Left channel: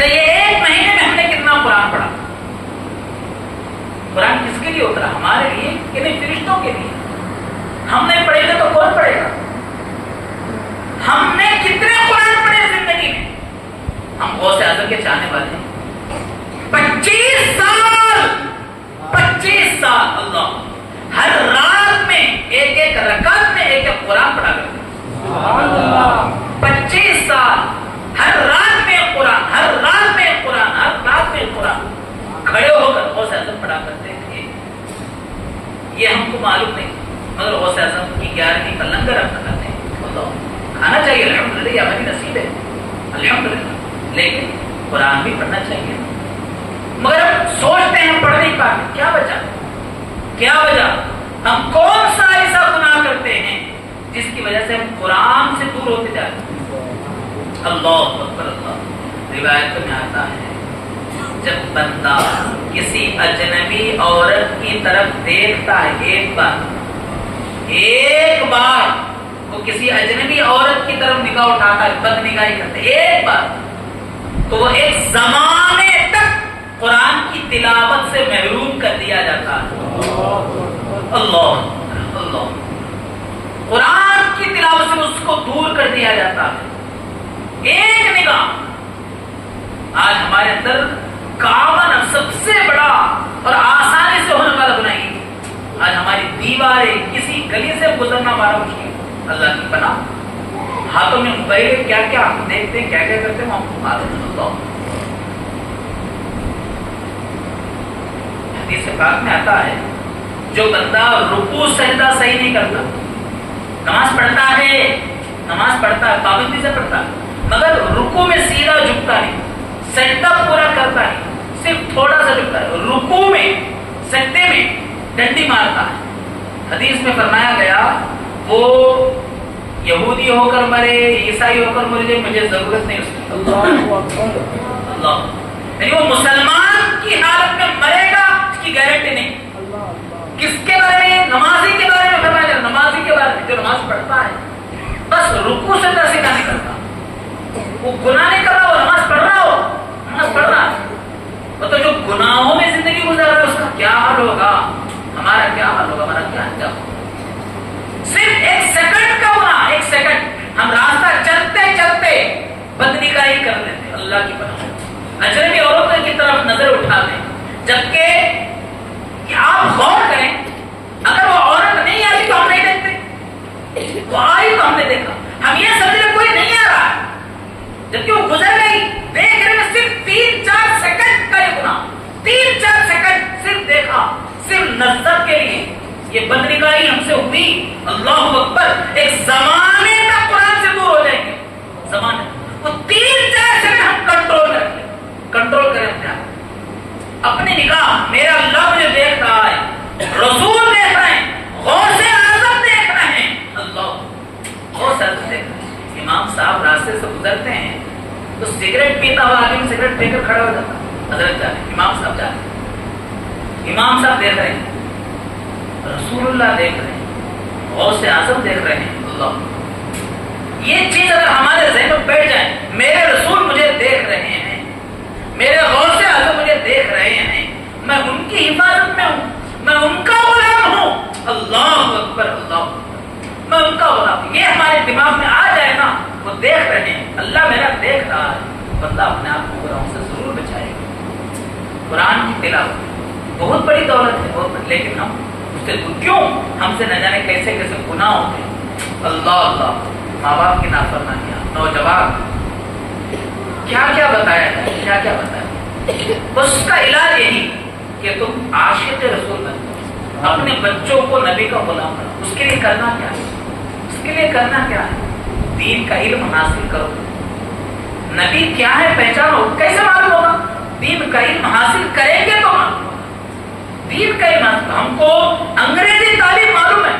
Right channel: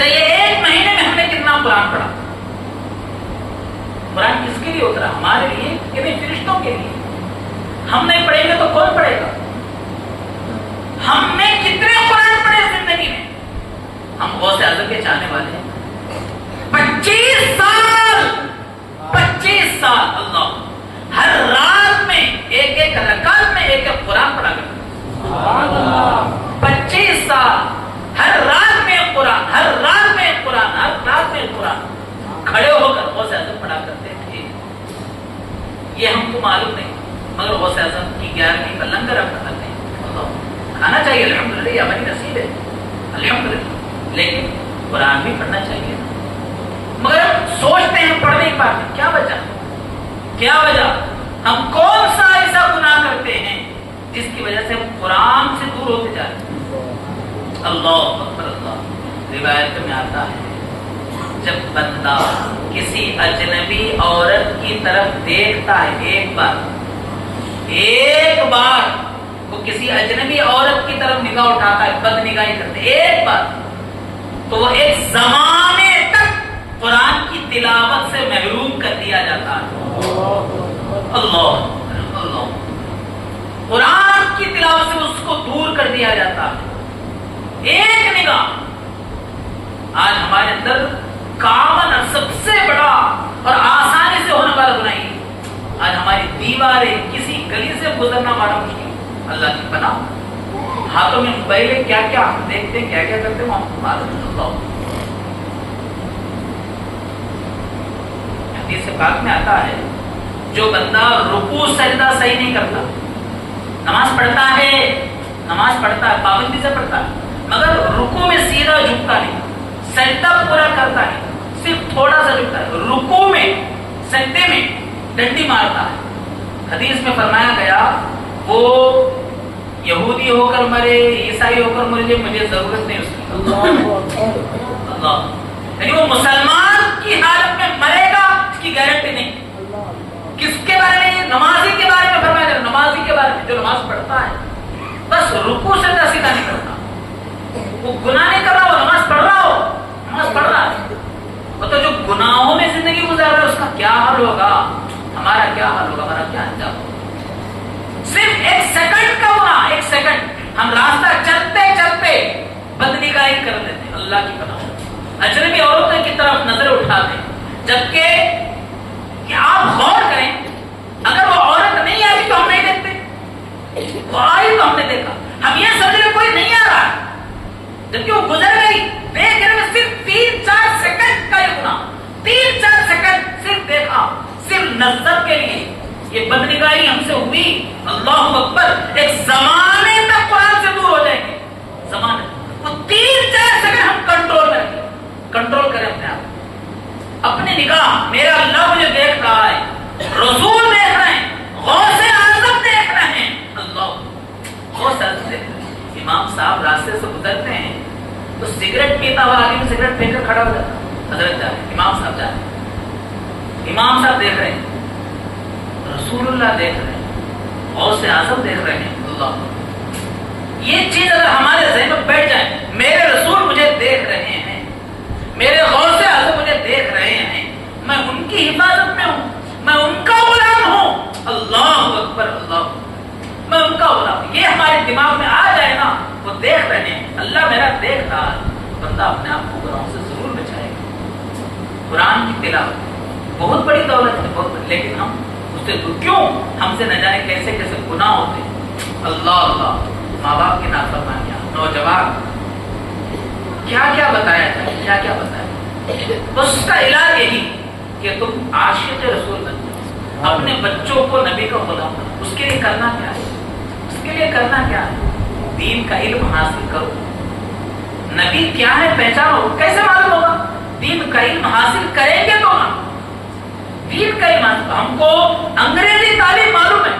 اچھا یہ ایک مہینے میں ہم نے کتنا قرآن پڑھا؟ قرآن کس کے لیے اترا؟ ہمارے لیے کہ نہیں فرشتوں کے لیے؟ ہم نہیں پڑھیں گے تو کون پڑھے گا؟ ہم نے کتنے قرآن پڑھے زندگی میں؟ ہم غوث اعظم کے چاہنے والے ہیں. 25 سال اللہ ہر رات میں ایک رکعت میں ایک قرآن پڑھا کرتے. سبحان اللہ. 25 سال ہر رات میں قرآن، ہر رات میں قرآن، ہر رات میں قرآن کھڑے ہو کر غوث اعظم پڑھا کرتے تھے. یہ ہم کو معلوم نہیں، مگر غوث اعظم کی 11ویں کا لنگر ہم کھاتے ہیں. کھانا چاہیے الحمدللہ، یہ ہماری نصیب ہے الحمدللہ، لیکن قرآن بھی پڑھنا چاہیے. مگر ہم سوچتے ہیں ہم پڑھ نہیں پاتے. کیا وجہ؟ کیا وجہ؟ ہم کون سا ایسا گناہ کرتے ہیں جس کی وجہ سے ہم قرآن سے دور ہوتے جاتے ہیں؟ اللہ اکبر اللہ. روایت میں آتا ہے جب بندہ کسی اجنبی عورت کی طرف دیکھتا ہے، ایک بار وہ کسی اجنبی عورت کی طرف نگاہ اٹھاتا ہے، بد نگاہی کرتے ایک بار، تو وہ ایک زمانے تک قرآن کی تلاوت سے محروم کر دیا جاتا ہے. اللہ اللہ. قرآن کی تلاوت سے اس کو دور کر دیا جاتا ہے. ایک نگاہ. آج ہمارے اندر کامن سب سے بڑا اور آسانی سے ہونے والا گناہ ہے. آج ہماری دیواریں کسی گلی سے گزرنا ہمارا مشکل. اللہ کی پناہ. ہاتھوں میں موبائل کیا کیا ہم دیکھتے ہیں، کیا کیا کرتے ہیں ہم معلوم. حدیث پاک میں آتا ہے جو بندہ رکوع سجدہ صحیح نہیں کرتا، نماز پڑھتا ہے پابندی سے پڑھتا ہے، مگر رکوع میں سیدھا جھکتا نہیں، سجدہ پورا کرتا نہیں، صرف تھوڑا سا جھکتا ہے، رکوع میں سجدے میں ڈنڈی مارتا ہے. حدیث میں فرمایا گیا وہ یہودی ہو کر مرے، عیسائی ہو کر مرے، مجھے ضرورت نہیں اس کی. اللہ. یعنی وہ مسلمان کی حالت میں مرے گا اس کی گارنٹی نہیں. کس کے بارے میں؟ نمازی کے بارے میں فرمایا جائے. نمازی کے بارے میں جو نماز پڑھتا ہے بس رکوع سے سیدھا نہیں کرتا، وہ گناہ نہیں کر رہا، وہ نماز پڑھ رہا ہے. تو جو گناہوں میں زندگی گزار رہا ہے اس کا کیا حال ہوگا، ہمارا کیا حال ہوگا، ہمارا کیا انجام ہوگا. صرف ایک سیکنڈ کا گناہ، ایک سیکنڈ ہم راستہ چلتے چلتے بدنگاہی کر دیتے. اللہ کی پناہ. اجنبی عورتوں کی طرف نظر اٹھا دیں، جبکہ آپ غور کریں اگر وہ عورت نہیں آتی تو ہم نہیں دیکھتے، وہ آئی تو ہم نے دیکھا. ہم یہ سمجھ رہے کوئی نہیں آ رہا ہے، جبکہ وہ گزر گئی. دیکھ رہے صرف 3-4 سیکنڈ کا یہ گناہ، 3-4 سیکنڈ صرف دیکھا، صرف نظر کے لیے یہ بدنگاہی ہم سے ہوئی. اللہ اکبر. ایک زمانے تک قرآن سے دور ہو جائیں گے. زمانے تو 3-4 سیکنڈ ہم کنٹرول کریں اپنے آپ، اپنی نگاہ. میرا اللہ مجھے دیکھ رہا ہے، رسول دیکھ رہے ہیں، غوث اعظم دیکھ رہے ہیں. اللہ غوث اعظم دیکھ رہے ہیں. امام صاحب راستے سے گزرتے ہیں تو سگریٹ پیتا ہوا آدمی سگریٹ پی کر کھڑا ہو جاتا ہے. حضرت جانے امام صاحب جانے، امام صاحب دیکھ رہے ہیں، رسول اللہ دیکھ رہے ہیں، غوث اعظم دیکھ رہے ہیں. اللہ. یہ چیز اگر ہمارے ذہن میں بیٹھ جائے، میرے رسول مجھے دیکھ رہے ہیں، میرے غوث اعظم مجھے دیکھ رہے ہیں، میں ان کی حفاظت میں ہوں، میں ان کا غلام ہوں. اللہ اکبر اللہ. میں ان کا غلام ہوں. یہ ہمارے دماغ میں آ جائے نا، وہ دیکھ رہے ہیں، اللہ میرا دیکھ رہا ہے، بندہ اپنے آپ کو گناہوں سے ضرور بچائے گا. قرآن کی تلاوت بہت بڑی دولت ہے، بہت بڑی، لیکن ہم اس سے کیوں، ہم سے نہ جانے کیسے کیسے گناہ ہوتے ہیں. اللہ اللہ. ماں باپ کی نافرمانیاں، نوجوان، کیا کیا بتایا جائے، کیا کیا بتایا. بس اس کا علاج یہی کہ تم عاشق رسول بن جاؤ، اپنے بچوں کو نبی کا غلام بناؤ. اس کے لیے کرنا کیا ہے؟ اس کے لیے کرنا کیا ہے؟ دین کا علم حاصل کرو. نبی کیا ہے پہچانو. کیسے معلوم ہوگا؟ دین کا علم حاصل کریں گے تو نا. دین کا علم حاصل. ہم کو انگریزی تعلیم معلوم ہے،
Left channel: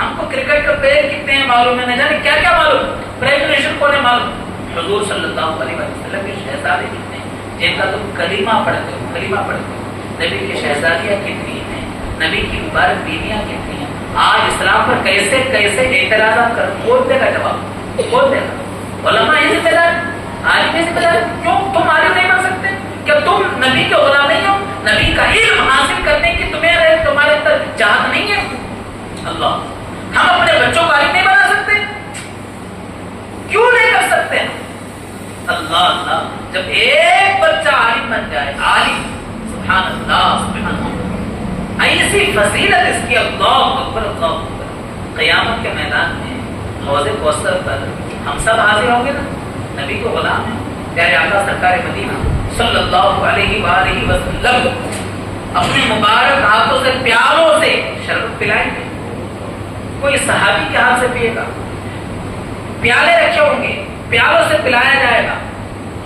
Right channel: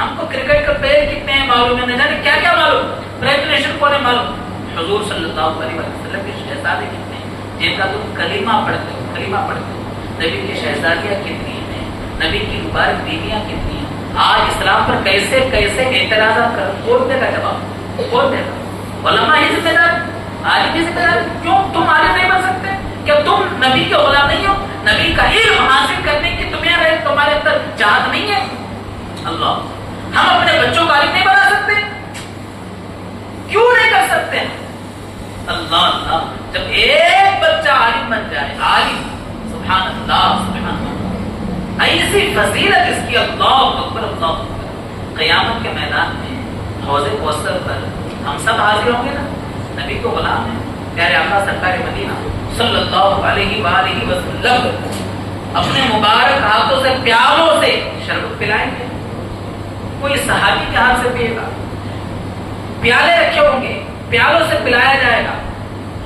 ہم کو کرکٹ کا پلیئر کتنے ہیں معلوم ہے، نہ جانے کیا کیا معلوم، پرائم منسٹر کون ہے معلوم. حضور صلی اللہ علیہ وسلم کے شہزادے کتنے ہیں، جن کا تم کلمہ پڑھتے ہو، کلمہ پڑھتے ہو. نبی کی شہزادیاں کتنی ہیں، نبی کی مبارک بیویاں کتنی ہیں. آج اسلام پر کیسے کیسے اعتراضات کر، کون دے گا جواب، کون دے گا؟ علماء ہی ذمہ دار، عالم ہی ذمہ دار. کیوں تم عالم نہیں نبی کے غلام نہیں ہو؟ نبی کا علم حاصل کرنے کی تمہارے اندر چاہت نہیں ہے؟ اللہ، ہم اپنے بچوں کا عالم نہیں بنا سکتے؟ کیوں نہیں کر سکتے؟ اللہ اللہ، جب ایک بچہ عالم بن جائے، عالم، سبحان اللہ سبحان اللہ، ایسی فضیلت اس کی، اللہ اکبر اللہ اکبر۔ قیامت کے میدان میں حوض کوثر پر ہم سب حاضر ہوں گے نا، نبی کو غلام ہے، پیارے آقا سرکار مدینہ صلی اللہ علیہ وآلہ وسلم اپنے مبارک ہاتھوں سے پیالوں سے شربت پلائیں گے۔ کوئی صحابی کے ہاتھ سے پیے گا، پیالے رکھے ہوں گے، پیالوں سے پلایا جائے گا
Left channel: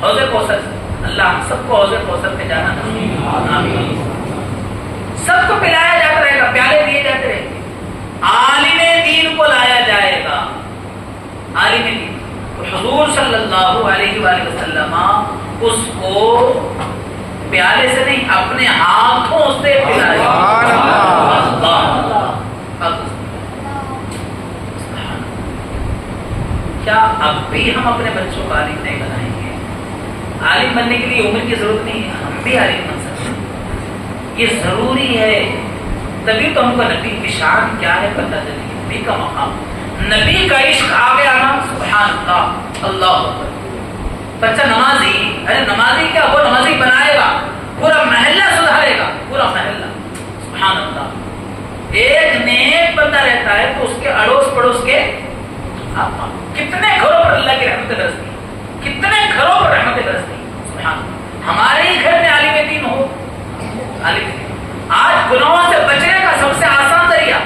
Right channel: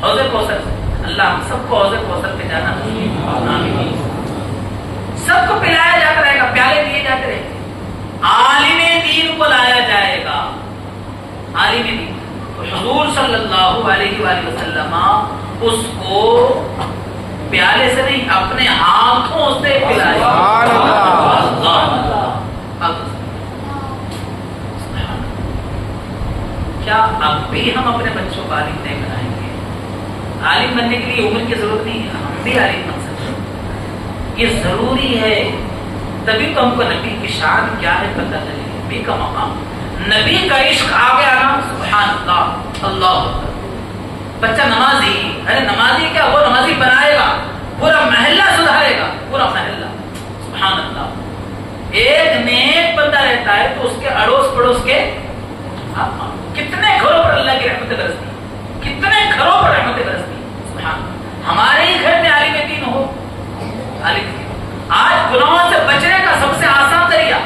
حوض کوثر سے۔ اللہ ہم سب کو حوض کوثر پہ جانا نصیب آمین۔ سب کو پلایا جاتا رہے گا، پیالے دیے جاتے رہیں گے، عالم دین کو لایا جائے گا، عالم دین۔ حضور صلی اللہ علیہ وآلہ وسلم اس کو پیالے سے نہیں، اپنے ہاتھوں سے پلائے گا۔ کیا اب بھی ہم اپنے بچوں کو عالم نہیں بنائیں گے؟ عالم بننے کے لیے عمر کی ضرورت نہیں ہے، ہم بھی عالم بن سکتے ہیں، یہ ضروری ہے۔ تبھی تو ہم کو نبی کی شان کیا ہے پتہ چلی، نبی کا مقام، نبی کا عشق آ گیا نا، سبحان اللہ اللہ اکبر۔ بچہ نمازی، ارے نمازی کیا، وہ نمازی بنائے گا، پورا محلہ سدھارے گا، پورا محلہ، سبحان اللہ۔ ایک نیک بندہ رہتا ہے تو اس کے اڑوس پڑوس کے کتنے گھروں پر اللہ کی رحمت برستی، کتنے گھروں پر رحمت برستی۔ ہمارے ہی گھر میں عالم دین ہو، عالم۔ آج گناہوں سے بچنے کا سب سے آسان ذریعہ،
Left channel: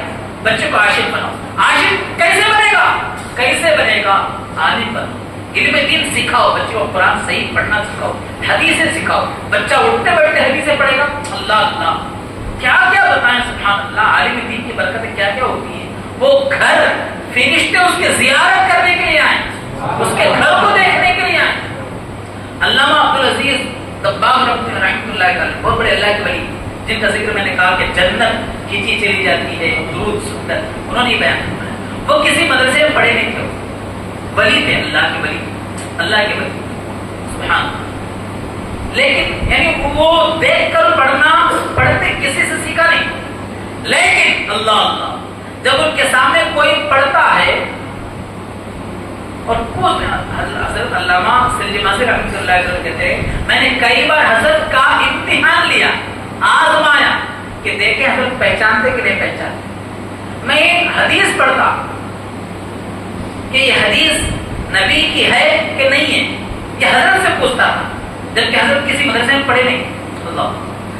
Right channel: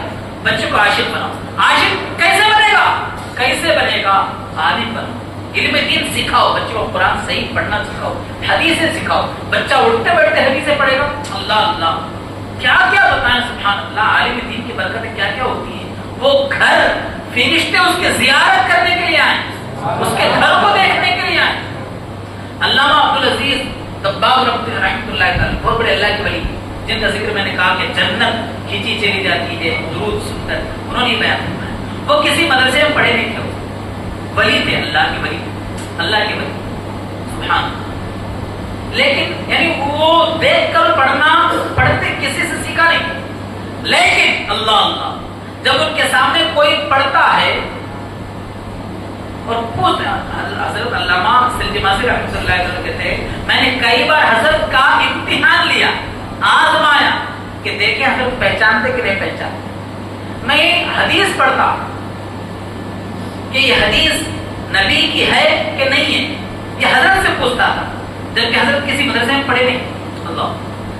بچے کو عاشق بناؤ۔ عاشق کیسے بنے گا؟ کیسے بنے گا؟ عالم بنو، علم دین سکھاؤ، بچے کو قرآن صحیح پڑھنا سکھاؤ، حدیثیں سکھاؤ، بچہ اٹھتے بیٹھتے حدیثیں پڑھے گا۔ اللہ اللہ، کیا کیا بتائیں، سبحان اللہ۔ عالم دین کی برکتیں کیا کیا ہوتی ہیں؟ وہ گھر فرشتے اس کی زیارت کرنے کے لیے آئیں، اس کے گھر کو دیکھنے کے لیے آئیں۔ علامہ عبدالعزیز دباغ رحمۃ اللہ تعالی، بہت بڑے اللہ کے ولی، جن کا ذکر میں نے کہا کہ جنت کھینچی چلی جاتی ہے درود سن کر، انہوں نے بیان کیا۔ وہ کسی مدرسے میں پڑھے نہیں تھے، ولی تھے، اللہ کے ولی، اللہ کے ولی، سبحان۔ لیکن یعنی وہ دیکھ کر پڑھتے کسی سے سیکھا نہیں، لیکن اللہ اللہ جب ان کے سامنے کوئی پڑھتا ہے اور خود حضرت علامہ سلجماسی رحمۃ اللہ علیہ کہتے ہیں، میں نے کئی بار حضرت کا امتحان لیا، آزمایا کہ دیکھیں حضرت پہچانتے کہ نہیں پہچانتے۔ میں حدیث پڑھتا کہ یہ حدیث نبی کی ہے کہ نہیں ہے، یہ حضرت سے پوچھتا تھا، جبکہ حضرت کسی مدرسے میں پڑھے نہیں، اللہ،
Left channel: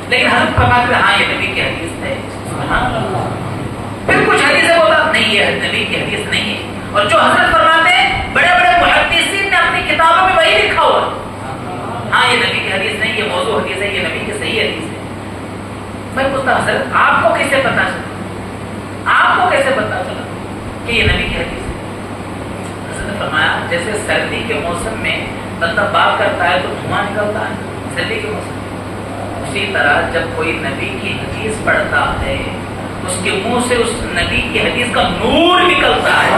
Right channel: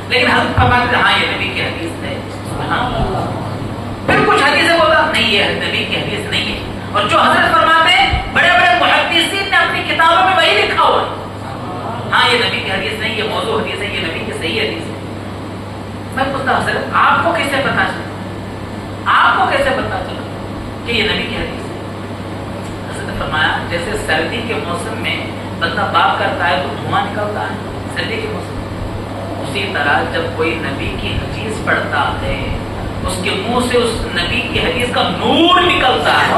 لیکن حضرت فرماتے ہاں یہ نبی کی حدیث ہے، سبحان اللہ۔ پھر کچھ حدیثیں بولا نہیں یہ نبی کی حدیث نہیں ہے، اور جو حضرت فرماتے ہیں بڑے بڑے محدثین نے اپنی کتابوں میں وہی لکھا ہوا ہے، ہاں یہ نبی کی حدیث نہیں، یہ موضوع حدیث ہے، یہ نبی کی صحیح حدیث ہے۔ میں پوچھتا حضرت آپ کو کیسے پتا چلا، آپ کو کیسے پتا چلا کہ یہ نبی کی حدیث ہے؟ حضرت نے فرمایا جیسے سردی کے موسم میں بندہ بات کرتا ہے تو دھواں نکلتا ہے سردی کے موسم میں، اسی طرح جب کوئی نبی کی حدیث پڑھتا ہے اس کے منہ سے اس نبی کی حدیث کا نور نکلتا ہے،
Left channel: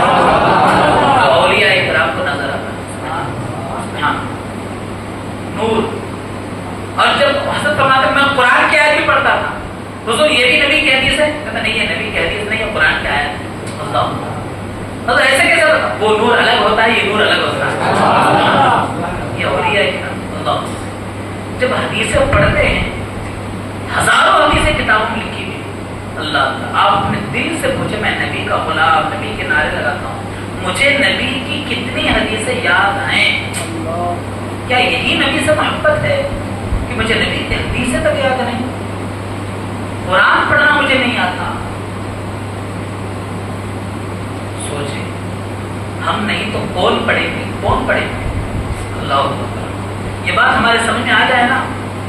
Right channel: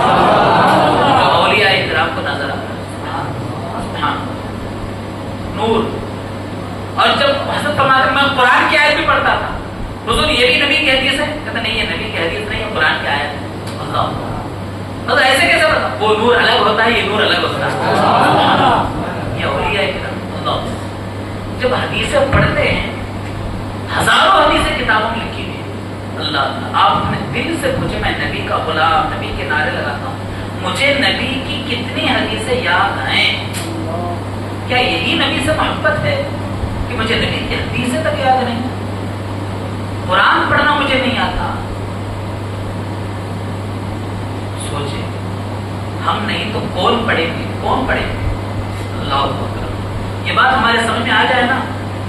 اولیاء کرام کو نظر آتا ہے، ہاں نور۔ اور جب حضرت فرماتے میں قرآن کی آیت بھی پڑھتا تھا، حضور یہ بھی نبی کی حدیث ہے؟ کہتا نہیں یہ نبی کی حدیث نہیں ہے، قرآن کی آیت ہے۔ اللہ ایسے کیسے ہوتا؟ وہ نور الگ ہوتا ہے، یہ نور الگ ہوتا ہے، یہ اولیاء کرام۔ اللہ جب حدیثیں پڑھتے ہیں، ہزاروں حدیثیں کتابوں میں لکھی ہوئی، اللہ اللہ، آپ اپنے دل سے پوچھے میں نبی کا غلام، نبی کے نعرے لگاتا ہوں، مجھے نبی کی کتنی حدیثیں یاد ہیں؟ کیا یہی نبی سے محبت ہے کہ مجھے نبی کی حدیثیں تک یاد نہیں؟ قرآن پڑھنا مجھے نہیں آتا؟ سوچے ہم نہیں تو کون پڑھیں گے، کون پڑھیں گے؟ اللہ اکبر، یہ بات ہمارے سمجھ میں آ جائے نا،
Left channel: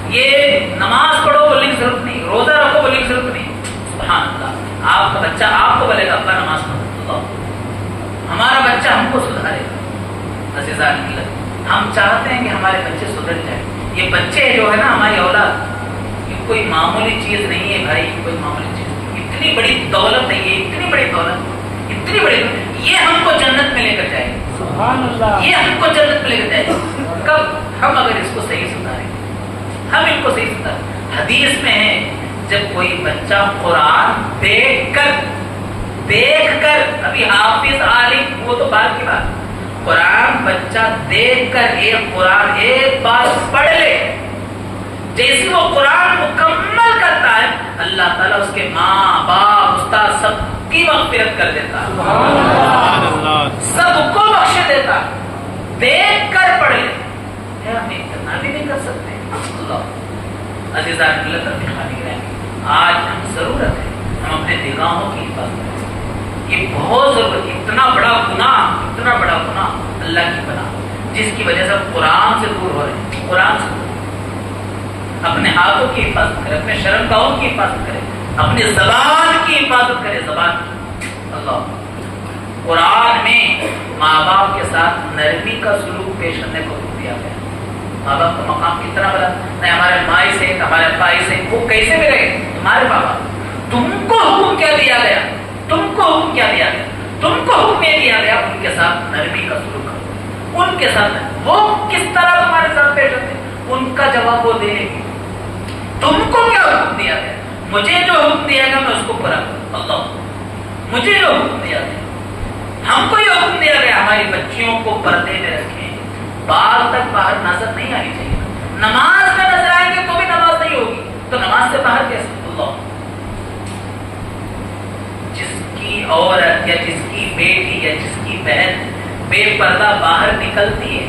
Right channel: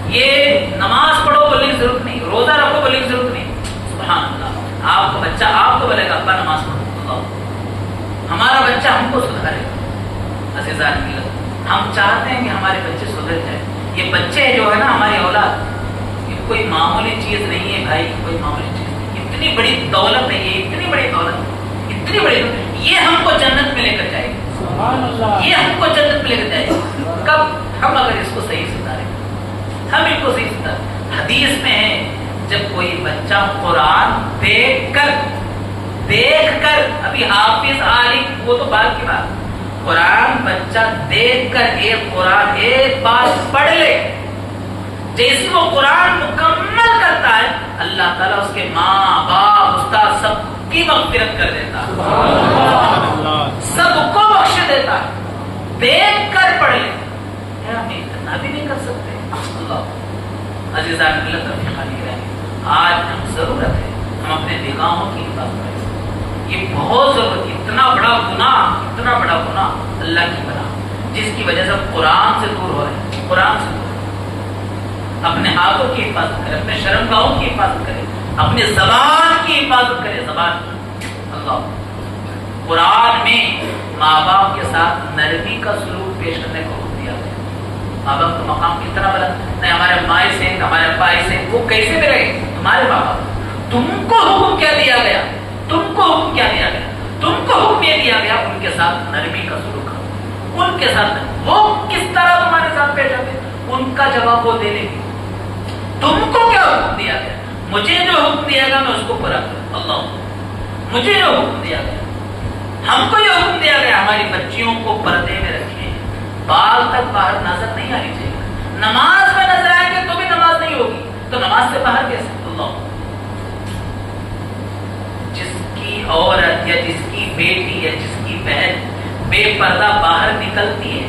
یہ نماز پڑھو بولنے کی ضرورت نہیں، روزہ رکھو بولنے کی ضرورت نہیں، سبحان اللہ۔ آپ کا بچہ آپ کو بولے گا اپنا نماز پڑھو، ہمارا بچہ ہم کو سدھارے گا۔ عزیزان اللہ، ہم چاہتے ہیں کہ ہمارے بچے سدھر جائیں۔ یہ بچے جو ہے نا ہماری اولاد، یہ کوئی معمولی چیز نہیں ہے بھائی، کوئی معمولی چیز نہیں، اتنی بڑی دولت ہے، یہ اتنی بڑی دولت، اتنی بڑی دولت، یہ ہم کو جنت میں لے کر جائے گی، سبحان اللہ، یہ ہم کو جنت میں لے کر جائے گی۔ کب؟ ہم اگر اس کو صحیح سدھاریں، ہم ان کو صحیح سمجھا. حدیث میں ہے جب کوئی بچہ قرآن دیکھ کر ابھی حافظ عالم وہ تو بات کی بات، قرآن بچہ دیکھ کر قرآن ایک بار پڑھ لے، جیسے وہ قرآن مکمل کرتا ہے اللہ تعالیٰ اس کے ماں باپ استاد سب کی مغفرت کر دیتا ہے، سب کو بخش دیتا ہے. دیکھ کر پڑھ لے، ہم اتنا بھی نہیں کر سکتے. اللہ عزیزان ملت ربی خانی گرہ، آج ہم ضرورت ہے ہم اپنے نگاہوں کی حفاظت کریں. یہ بہت ضرورت، اتنا بڑا گناہ اللہ کی پناہ، جس کی وجہ سے قرآن سے دور ہو رہے ہیں. قرآن سے دور، اپنے ہاتھوں کی حفاظت کرے، اپنے شرمگاہوں کی حفاظت کرے، اپنی زبان کی حفاظت کرے. زبان اللہ قرآن میں ماں باپ کے ساتھ نرمی کا سلوک پیش کرنے کو حکم دیا گیا. ماں باپ کا مقام کتنا بڑا، نہیں ہمارے مائی سے ہمارے بائی سے وہ کیسے ملے؟ تمہارے بابا، تم کو حکم کیا دیا گیا؟ تم کو حکم کیا دیا گیا؟ تم کو حکم یہ دیا گیا ان کے ساتھ نرمی کا سلوک کرو. ان کے ساتھ وہ کس طرح تمہارے ساتھ پیش آتے ان کا جواب وہ دے لے گی. تم کو کیا حکم دیا گیا؟ مجھے جو حکم دیا گیا میں اس کو پورا کروں. اللہ مجھے جو حکم دیا گیا، ہم کو یہ حکم دیا گیا ہماری بچیوں کو پردے میں رکھیں، بال تک باہر نظر نہیں آنی چاہیے. نماز میں نظر آئیں گے تو بھی نماز نہیں ہوگی، تو نماز سے باہر کیسے؟ اللہ جس کی عورت یا جس کی بیٹی یا جس کی بہن بے پردہ باہر نکلتی ہے،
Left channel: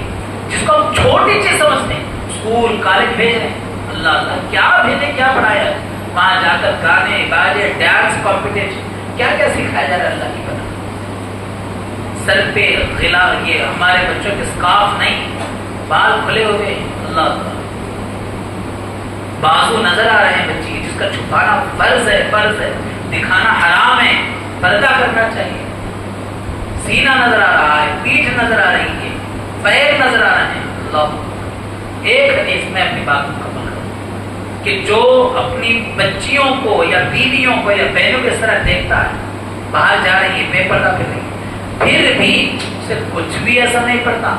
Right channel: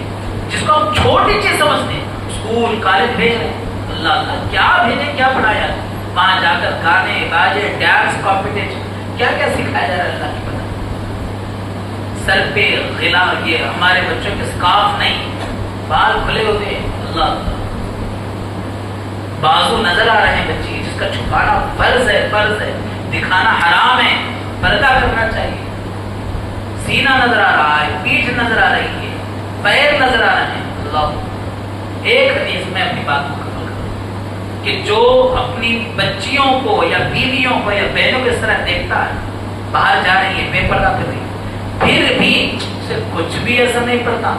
جس کو ہم چھوٹی چیز سمجھتے ہیں، اسکول کالج بھیج رہے ہیں، اللہ اللہ کیا بھیجے، کیا پڑھایا، وہاں جا کر گانے باجے ڈانس کمپٹیشن کیا کیا سکھایا جا رہا ہے اللہ کی پتہ. سر پہ غلا، یہ ہمارے بچوں کے سکارف نہیں، بال کھلے ہوتے ہیں. اللہ بازو نظر آ رہے ہیں بچی جس کا چھپانا فرض ہے، دکھانا حرام ہے، پردہ کرنا چاہیے. سینہ نظر آ رہا ہے، پیٹھ نظر آ رہی ہے، پیر نظر آ رہے ہیں. اللہ ایک حدیث میں اپنی بات کو ختم کروں کہ جو اپنی بچیوں کو یا بیویوں کو یا بہنوں کو اس طرح دیکھتا ہے باہر جا رہی ہے بے پردہ کر رہی ہے، پھر بھی اسے کچھ بھی ایسا نہیں پڑتا،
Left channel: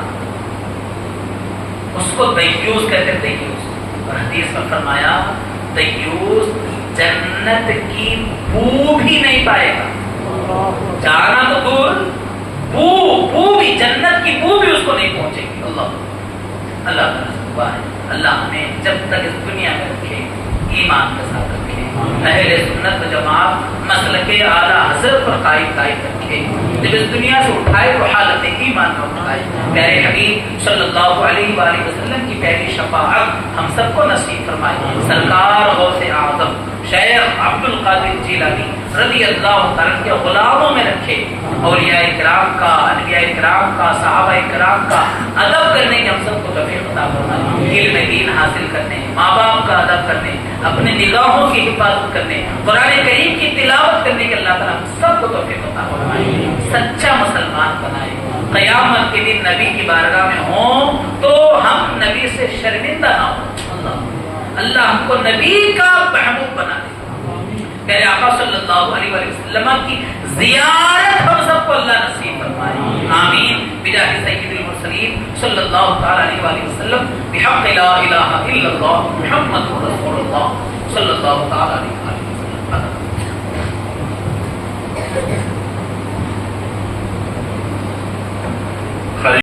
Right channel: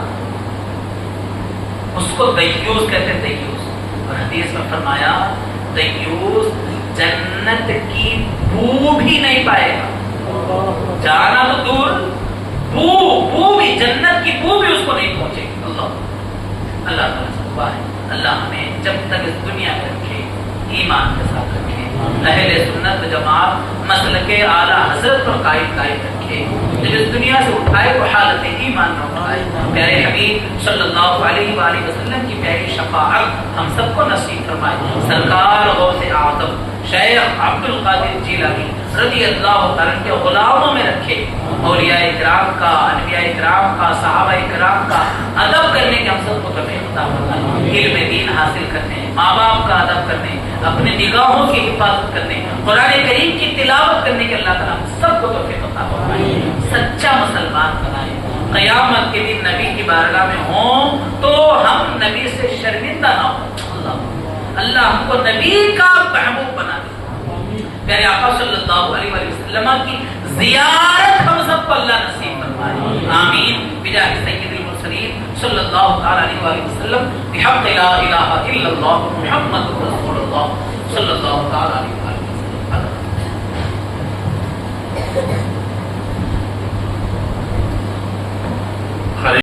اس کو دیوس کہتے ہیں. دیوس، اور حدیث میں فرمایا دیوس جنت کی بو بھی نہیں پائے گا. جانا تو دور، بو بھی، جنت کی بو بھی اس کو نہیں پہنچے گی. اللہ تعالیٰ سے دعا ہے اللہ ہمیں جب تک اس دنیا میں رکھے ایمان کے ساتھ رکھے، اہل سنت جماعت مسلک اعلیٰ حضرت پر قائم رکھے. جب اس دنیا سے اٹھائے تو حالت ایمان میں اٹھائے. پیارے حبیب صلی اللہ علیہ وآلہ وسلم کی پیاری شفاعت ہم سب کو نصیب فرمائے. سرکار غوث اعظم شیخ عبد القادر جیلانی رضی اللہ تعالیٰ کے غلاموں میں رکھے. اولیاء کرام کا، انبیاء کرام کا، صحابہ کرام کا ادب کرنے کے ہم سب کو توفیق عطا فرمائے. علم دین حاصل کرنے، ماں باپ کا ادب کرنے، اپنے نگاہوں کی حفاظت کرنے، قرآن کریم کی تلاوت کرنے کے اللہ تعالیٰ سب کو توفیق عطا فرمائے. سچا مسلمان بنائے، قیامت کے دن نبی کی بارگاہ میں ہوں تو ہم نبی سے شرمندہ نہ ہوں. اللہ ہم کو نبی کا محبوب بنا دے. پیارے آقا صلی اللہ علیہ وسلم کی زیارت ہم سب کو اللہ نصیب فرمائے. آمین بجاہ سید المرسلین صلی اللہ تعالی علیہ وسلم بحق لا الہ الا اللہ محمد رسول اللہ صلی اللہ تعالی علیہ وسلم.